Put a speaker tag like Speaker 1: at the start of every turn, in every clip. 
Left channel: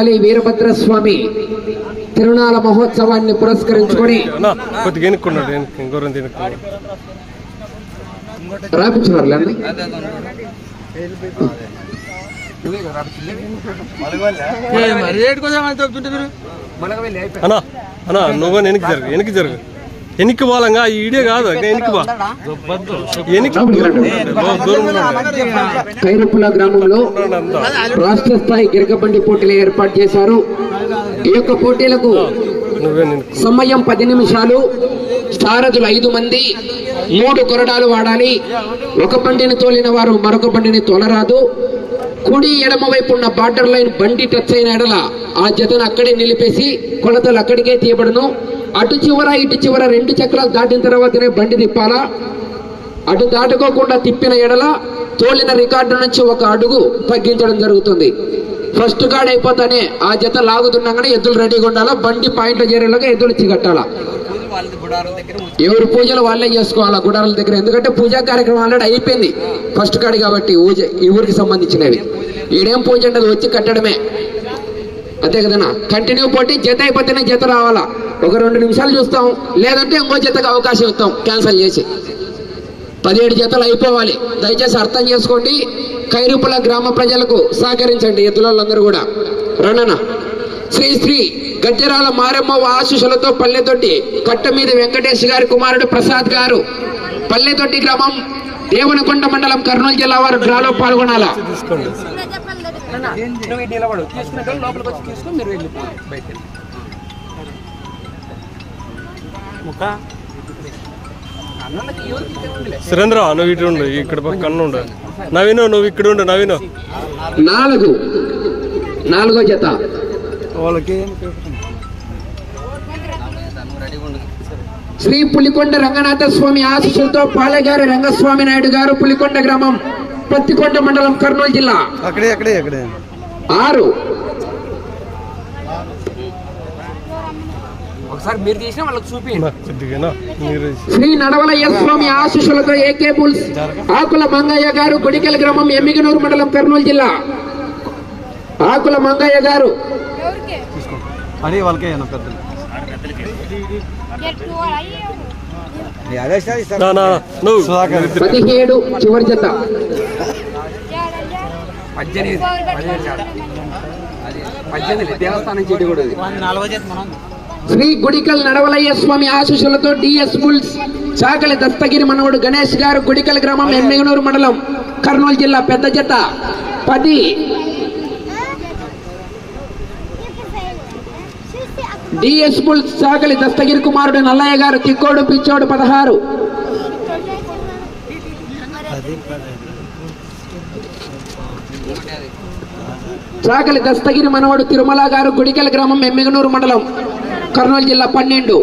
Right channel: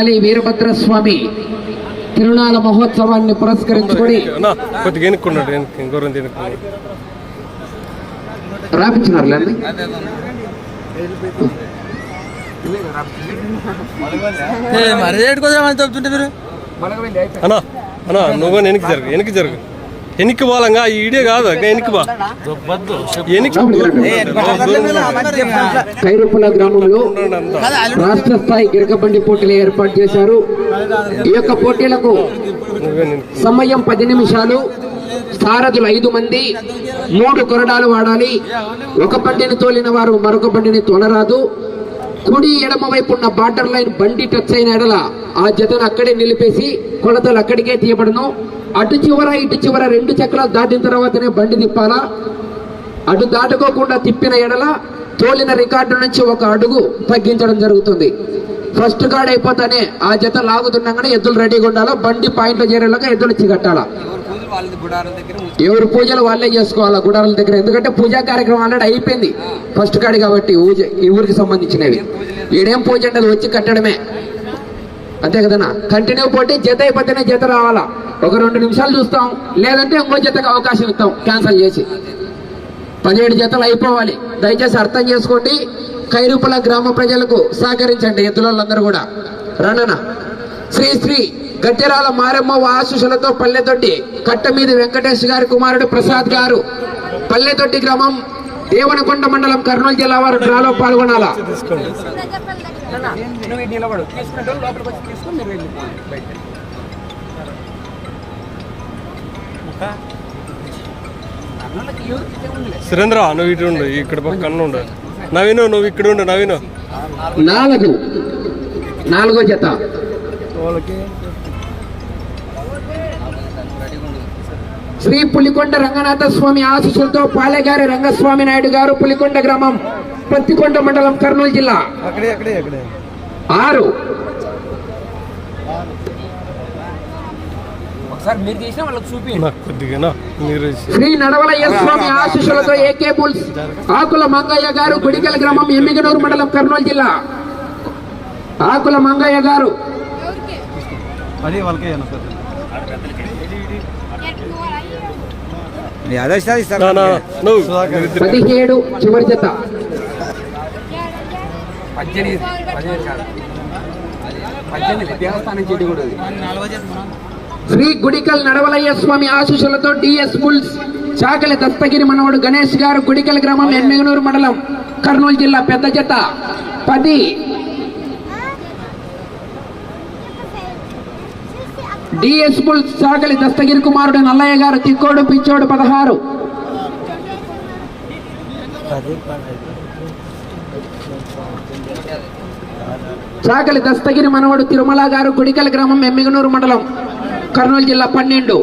Speaker 1: శ్రీ వీరభద్ర స్వామి తిరునాళ మహోత్సవాన్ని పురస్కరించుకొని రాపించినారులేండి
Speaker 2: అన్నా? అన్నా నువ్వు వెనక్కి జరుగు వెనక్కి జరుగు. వెనక్కి పోవాలంగా? ఈ ఈడే కాదు వెనక్కి బా ఉండండి.
Speaker 1: కైరుపుల గ్రామంలో రాష్ట్ర స్థాయి గిరకబండి పోటీలు ఏర్పాటు చేశారు. ఈ యొక్క పోటీలకు సమయం పది నిమిషాలు. సారథులు ఐదు మంది. మూడు కొరడాలు వాడాలి. ఒక బండిని తోలిన వారు మరొక బండిని తోలరాదు. కుడి ఎడమ వైపు ఉన్న బార్డర్ లైన్ బండి టచ్ అయిన ఎడల ఆ జతను అక్కడే నిలిపేసి కొలతలు అక్కడికే తీయబడును. అటు చివర ఇటు చివర రెండు చక్రాలు దాటిన తర్వాతనే బండి తిప్పాలా? అటు దాటుకోకుండా తిప్పిన ఎడల తోలిన రికార్డు నుంచి ఒక అడుగు తగ్గించడం జరుగుతుంది. ఫస్ట్ కార్డ్ అయిపోతానే ఆ జత లాగుతుండగానే ఎద్దులు రెడీగా ఉండాలా? బండి పాయింట్లో చేరేలాగా ఎద్దులు చిగట్టాలా ఎవరి పూజలు వాళ్ళే చేసుకోవాలా గుడారాల దగ్గర? ఎందుకంటే పూజా కార్యక్రమం ఆల్రెడీ అయిపోయింది. ఫస్ట్ కార్డు కాబట్టి ఊజ ఈ ఊరికి సంబంధించినవి. ఈడేం పూజ ఉండదు వచ్చి కట్టడమే. అంతే కదన్నా? కంటిన్యూ పోటీ జత అయిపోతేనే జత రావాలా? ఒక రెండు నిమిషాలు చూస్తాం. లేదంటే ఇంకో జతకు అవకాశం ఇస్తాం. క్యాన్సిల్ చేసి. పదిహేడు జతలు అయిపోవాలి. దయచేసి అర్థం చేసుకోండి. కైరుపుల గ్రామ ప్రజలకు సహకరించండి ఎద్దులందరూ కూడా. రణన శ్రీ శ్రీ గజ్జరాల మారెమ్మ ఆశీస్సులతో పల్లెతొట్టి కట్ట మీద వెంకటేష్ గారి కుమారుడు ప్రసాద్ గారు పల్లెతొట్టి గ్రామం దేవనకొండ మండలం కర్నూలు జిల్లా వారు డ్రాలో పాల్గొనాలా.
Speaker 2: సురేంద్ర నువ్వు ఇటు ఉండు ఇక్కడ పక్కన ఉండు. నవీను నువ్వు ఇక్కడ ఉండు నవీను.
Speaker 1: నాలుగు. నాలుగో జత.
Speaker 2: వాళ్ళకి
Speaker 1: శ్రీ పులికొండ రంగనాథ స్వామి ఆశీస్సులతో పాలెగారి రంగస్వామి నాయుడు గారు పులికొండ గ్రామం పత్తికొండ మండలం కర్నూలు జిల్లా. ఆరు.
Speaker 3: ఒకసారి మీరు తీసినా వాళ్ళకి
Speaker 2: కొద్దిగా మీరు
Speaker 1: శ్రీ నడవలయ్య స్వామి ఆశీస్సులతో ఏకే బుల్స్ ఆకుల మంగయ్య గారు గుడికల గ్రామం ఎమ్మిగనూరు మండలం కర్నూలు జిల్లా. ఆకుల మంగయ్య గారు. పదిహేడు చివరి జత.
Speaker 3: పద్దెనిమిది పద్దెనిమిది దేవస్థానం చెట్టు కూడా
Speaker 1: శ్రీ గుడికల్ నడవలయ్య స్వామి ఆశీస్సులతో డిఎస్ బుల్స్ చాకలి దత్తగిరి మనవడు గణేష్ గారు గుడికల్ గ్రామం ఎమ్మిగనూరు మండలం కర్నూలు జిల్లా పెద్ద జత. పది. డిఎస్ బుల్స్ చాకలి దస్తగిరి కుమారుడు నల్లయ్య గారు తిక్కోడు పిచ్చోడు పదహారు. చాకలి దస్తగిరి మనవడు తిరుమల గారు గుడికల్ గ్రామం ఎమ్మిగనూరు మండలం కర్నూలు జిల్లా పన్నెండు.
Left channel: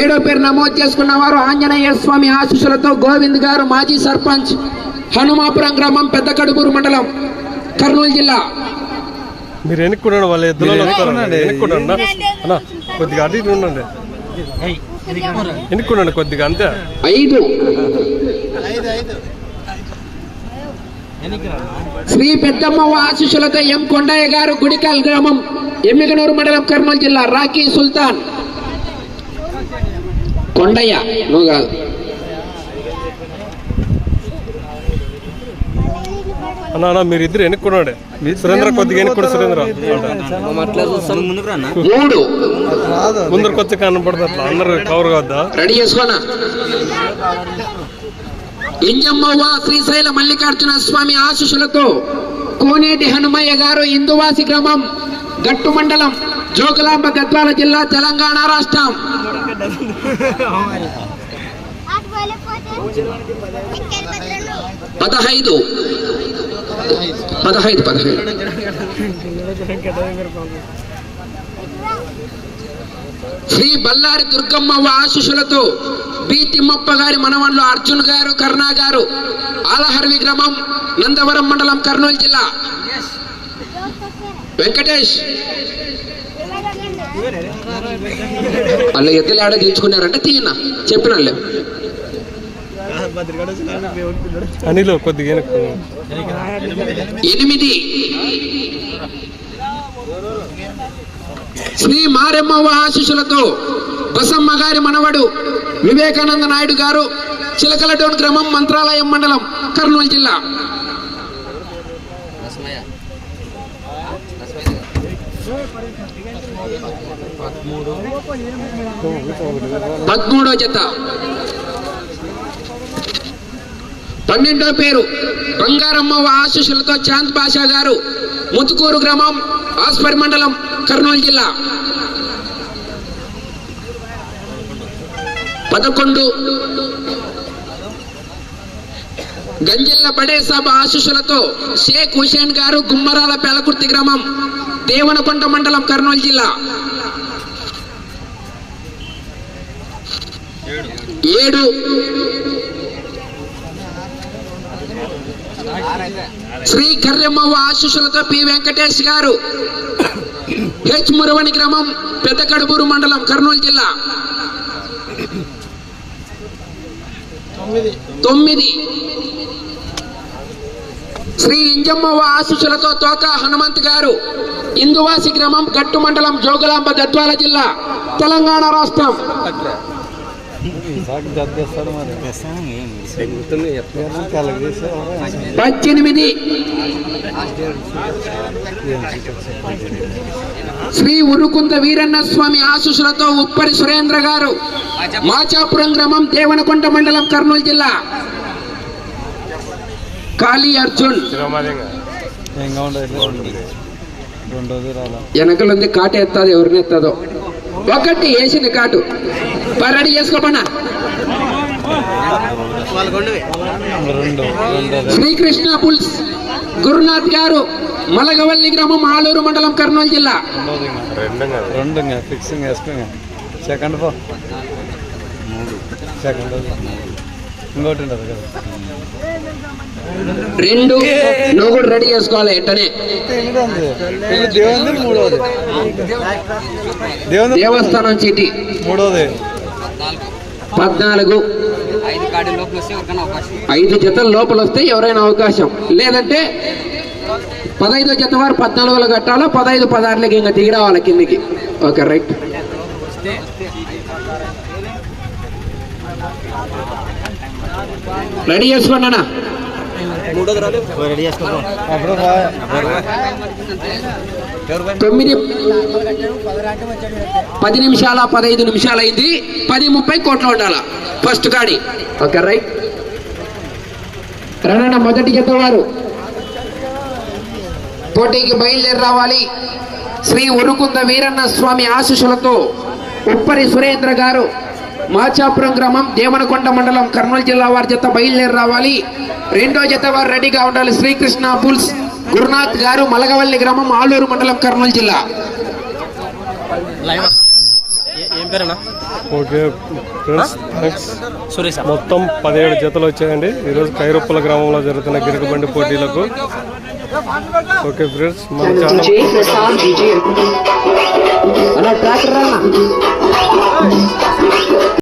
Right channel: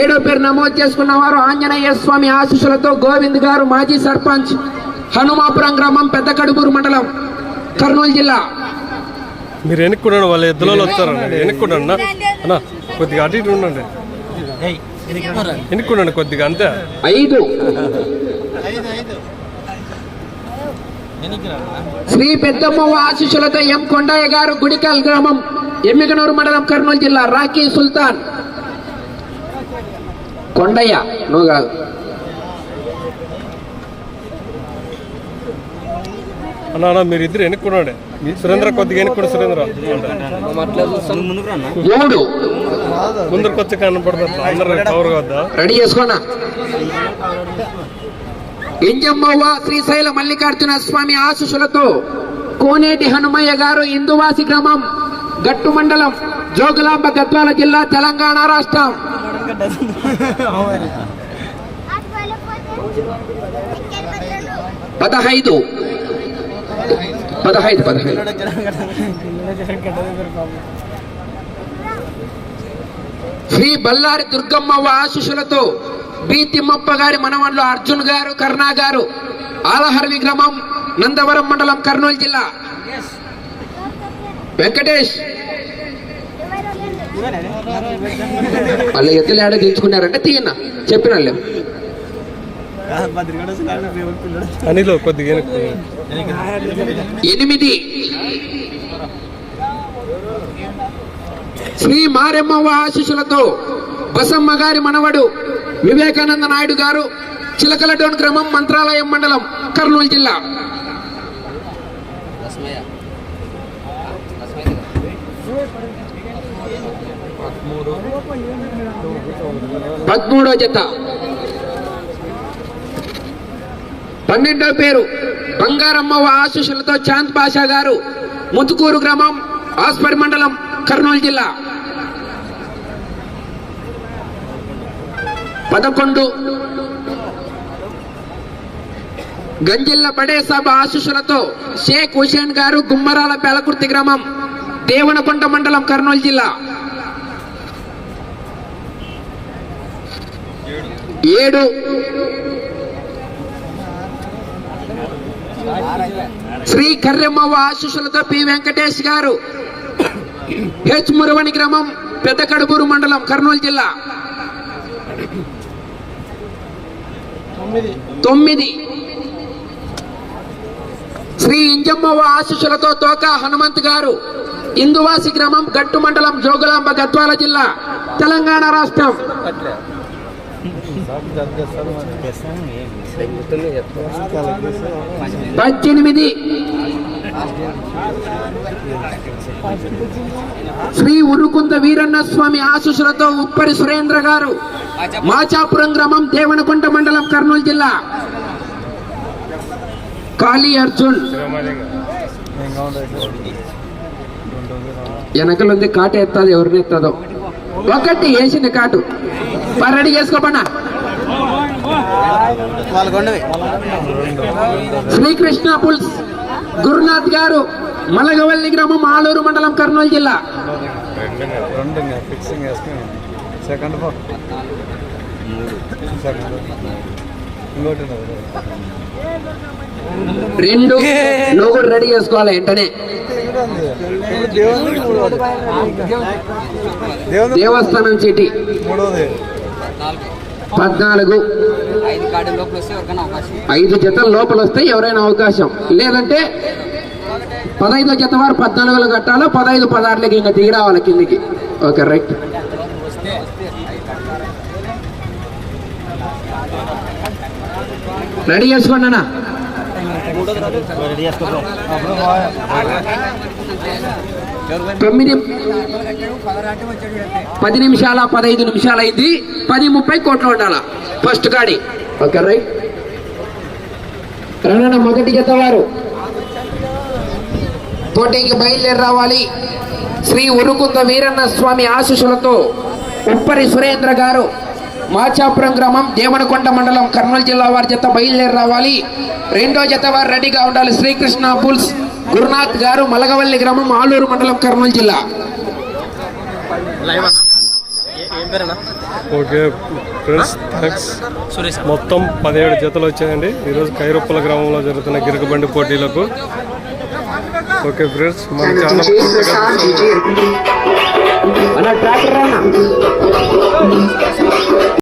Speaker 1: ఏడో పేరు నమోదు చేసుకున్న వారు ఆంజనేయ స్వామి ఆశీస్సులతో గోవింద్ గారు మాజీ సర్పంచ్ హనుమాపురం గ్రామం పెద్ద కడుపూరు మండలం కర్నూలు జిల్లా.
Speaker 2: మీరు వెనుక్కున్నాడు వాళ్ళ ఎద్దులలో వస్తారండి వెనుక్కున్నాడు అన్న? కొద్దిగా అటు ఇటు ఉండండి. వెనుక్కున్నాడు కొద్దిగా అంతే?
Speaker 1: ఐదు. శ్రీ పెద్దమ్మ ఆశీస్సులతో ఎం కొండయ్య గారు గుడికల్ గ్రామం ఎమ్మిగనూరు మండలం కర్నూలు జిల్లా రాకీ సుల్తాన్. కొండయ్య నువ్వు కాదు.
Speaker 2: అన్న అన్న మీరు ఇద్దరు వెనుక్కున్నాడే. సురేంద్ర కొద్దిగా వెనుక్కుడు సురేంద్ర.
Speaker 1: మూడు
Speaker 2: ముందరికి వచ్చి అట్లా అందరు కవర్ కావద్దా
Speaker 1: రెడీ చేసుకోనా? ఎంజమ్మవ్వ శ్రీశైల మల్లికార్జున స్వామి ఆశీస్సులతో కోనేటి హనుమయ్య గారు ఇందువాసి గ్రామం గట్టు మండలం జోగులాంబ గద్వాల జిల్లా తెలంగాణ రాష్ట్రం. పదహైదు. పదహైదు పదహైదు. శ్రీ బల్లారి దుర్గమ్మ ఆశీస్సులతో బి తిమ్మప్ప గారి మనవన్లు అర్జున్ గారు కర్ణా గారు ఆలహర్వి గ్రామం నందవరం మండలం కర్నూలు జిల్లా. వెంకటేష్. వాళ్ళు ఎద్దులు ఆడ తీయించుకున్నారంటే తీయన్న చెప్పిన వాళ్ళు ఎనిమిది. శ్రీ మారెమ్మవ్వ ఆశీస్సులతో బసమ్మ గారి మనవడు వివేకానంద నాయుడు గారు చిలకలటోన్ గ్రామం మంత్రాలయం మండలం కర్నూలు జిల్లా. పదమూడో జత. పన్నెండో పేరు బంగారమ్మవ్వ ఆశీస్సులతో చాంద్ పాషా గారు ముతుకూరు గ్రామం ఆస్పరి మండలం కర్నూలు జిల్లా. పదకొండు. గంజిల్ల బడే సభ ఆశీస్సులతో షేక్ హుసేన్ గారు గుమ్మరాల పేలకుర్తి గ్రామం దేవనకొండ మండలం కర్నూలు జిల్లా. ఏడు. శ్రీ కర్రెమ్మవ్వ ఆశీస్సులతో పి వెంకటేష్ గారు హెచ్ మురవని గ్రామం పెద్ద కడుపూరు మండలం కర్నూలు జిల్లా. తొమ్మిది. శ్రీ ఇంజమ్మవ్వ ఆశీస్సులతో తోక హనుమంత్ గారు ఇందువాసి గ్రామం గట్టు మండలం జోగులాంబ గద్వాల జిల్లా తెలంగాణ రాష్ట్రం. పద్దెనిమిది. శ్రీ ఉరుకుంద వీరన్న స్వామి ఆశీస్సులతో ఉప్పరి సురేంద్ర గారు మాచాపురం గ్రామం దేవనకొండ మండలం కర్నూలు జిల్లా. కాళీ అర్జున్. వెనకలుంది కాటు ఎత్తాది ఎవరిని ఎత్తదో? ఒకటి వేసింది కాటు. పరడి చేసుకోపన్నా శ్రీకృష్ణ పుల్స్. గురునాథ్ గారు మలగవల్లి గ్రామం ఆలూరు మండలం కర్నూలు జిల్లా.
Speaker 2: రెండు సెకండ్
Speaker 1: నువ్వు కూడా రెడీ చేసుకోవాలి వెంటనే.
Speaker 2: దేవుంది
Speaker 1: దేవస్థానం చీటి.
Speaker 2: మూడోది.
Speaker 1: పద్నాలుగు.
Speaker 3: ఐదు
Speaker 1: జతల లోపల వస్తే ఎవరైనా అవకాశం. లేదంటే పదహైదో జత వారు పద్నాలుగులో కట్టాలో? పదహైదు పదహారులకి ఇంకా దిగి రావాలి కిందికి. Okay right. రెడీ చేసుకోండి అన్న. తొమ్మిది పది నిమిషాల పదహైదు నిమిషాలు అయింది. పది ముప్పై కోట్లు ఉండాల? ఫస్ట్ కాడి. Okay right. రణన మొదటి జత వారు పోటీకి బయలుదేరి రావాలి. శ్రీ ఉరుకుంద వీరన్న స్వామి ఆశీస్సులతో ఉప్పరి సురేంద్ర గారు. మాచాపురం గ్రామం దేవనకొండ మండలం కర్నూలు జిల్లా వారి జత బయలుదేరి రావాలి. రెండో జత వారు రెడీగా ఉండాలి. శ్రీకృష్ణ బుల్స్ గురునాథ్ గారు మలగవల్లి గ్రామం ఆలూరు మండలం కర్నూలు జిల్లా.
Speaker 2: Okay friends thanks. మొత్తం పదిహేడు జతలు వచ్చాయండి. ఈరోజు కైరొప్పల గ్రామంలో జరుగుతున్న గిరకబండి పోటీలకు. ఓకే ఫ్రెండ్స్ మన ఛానల్ కొత్తగా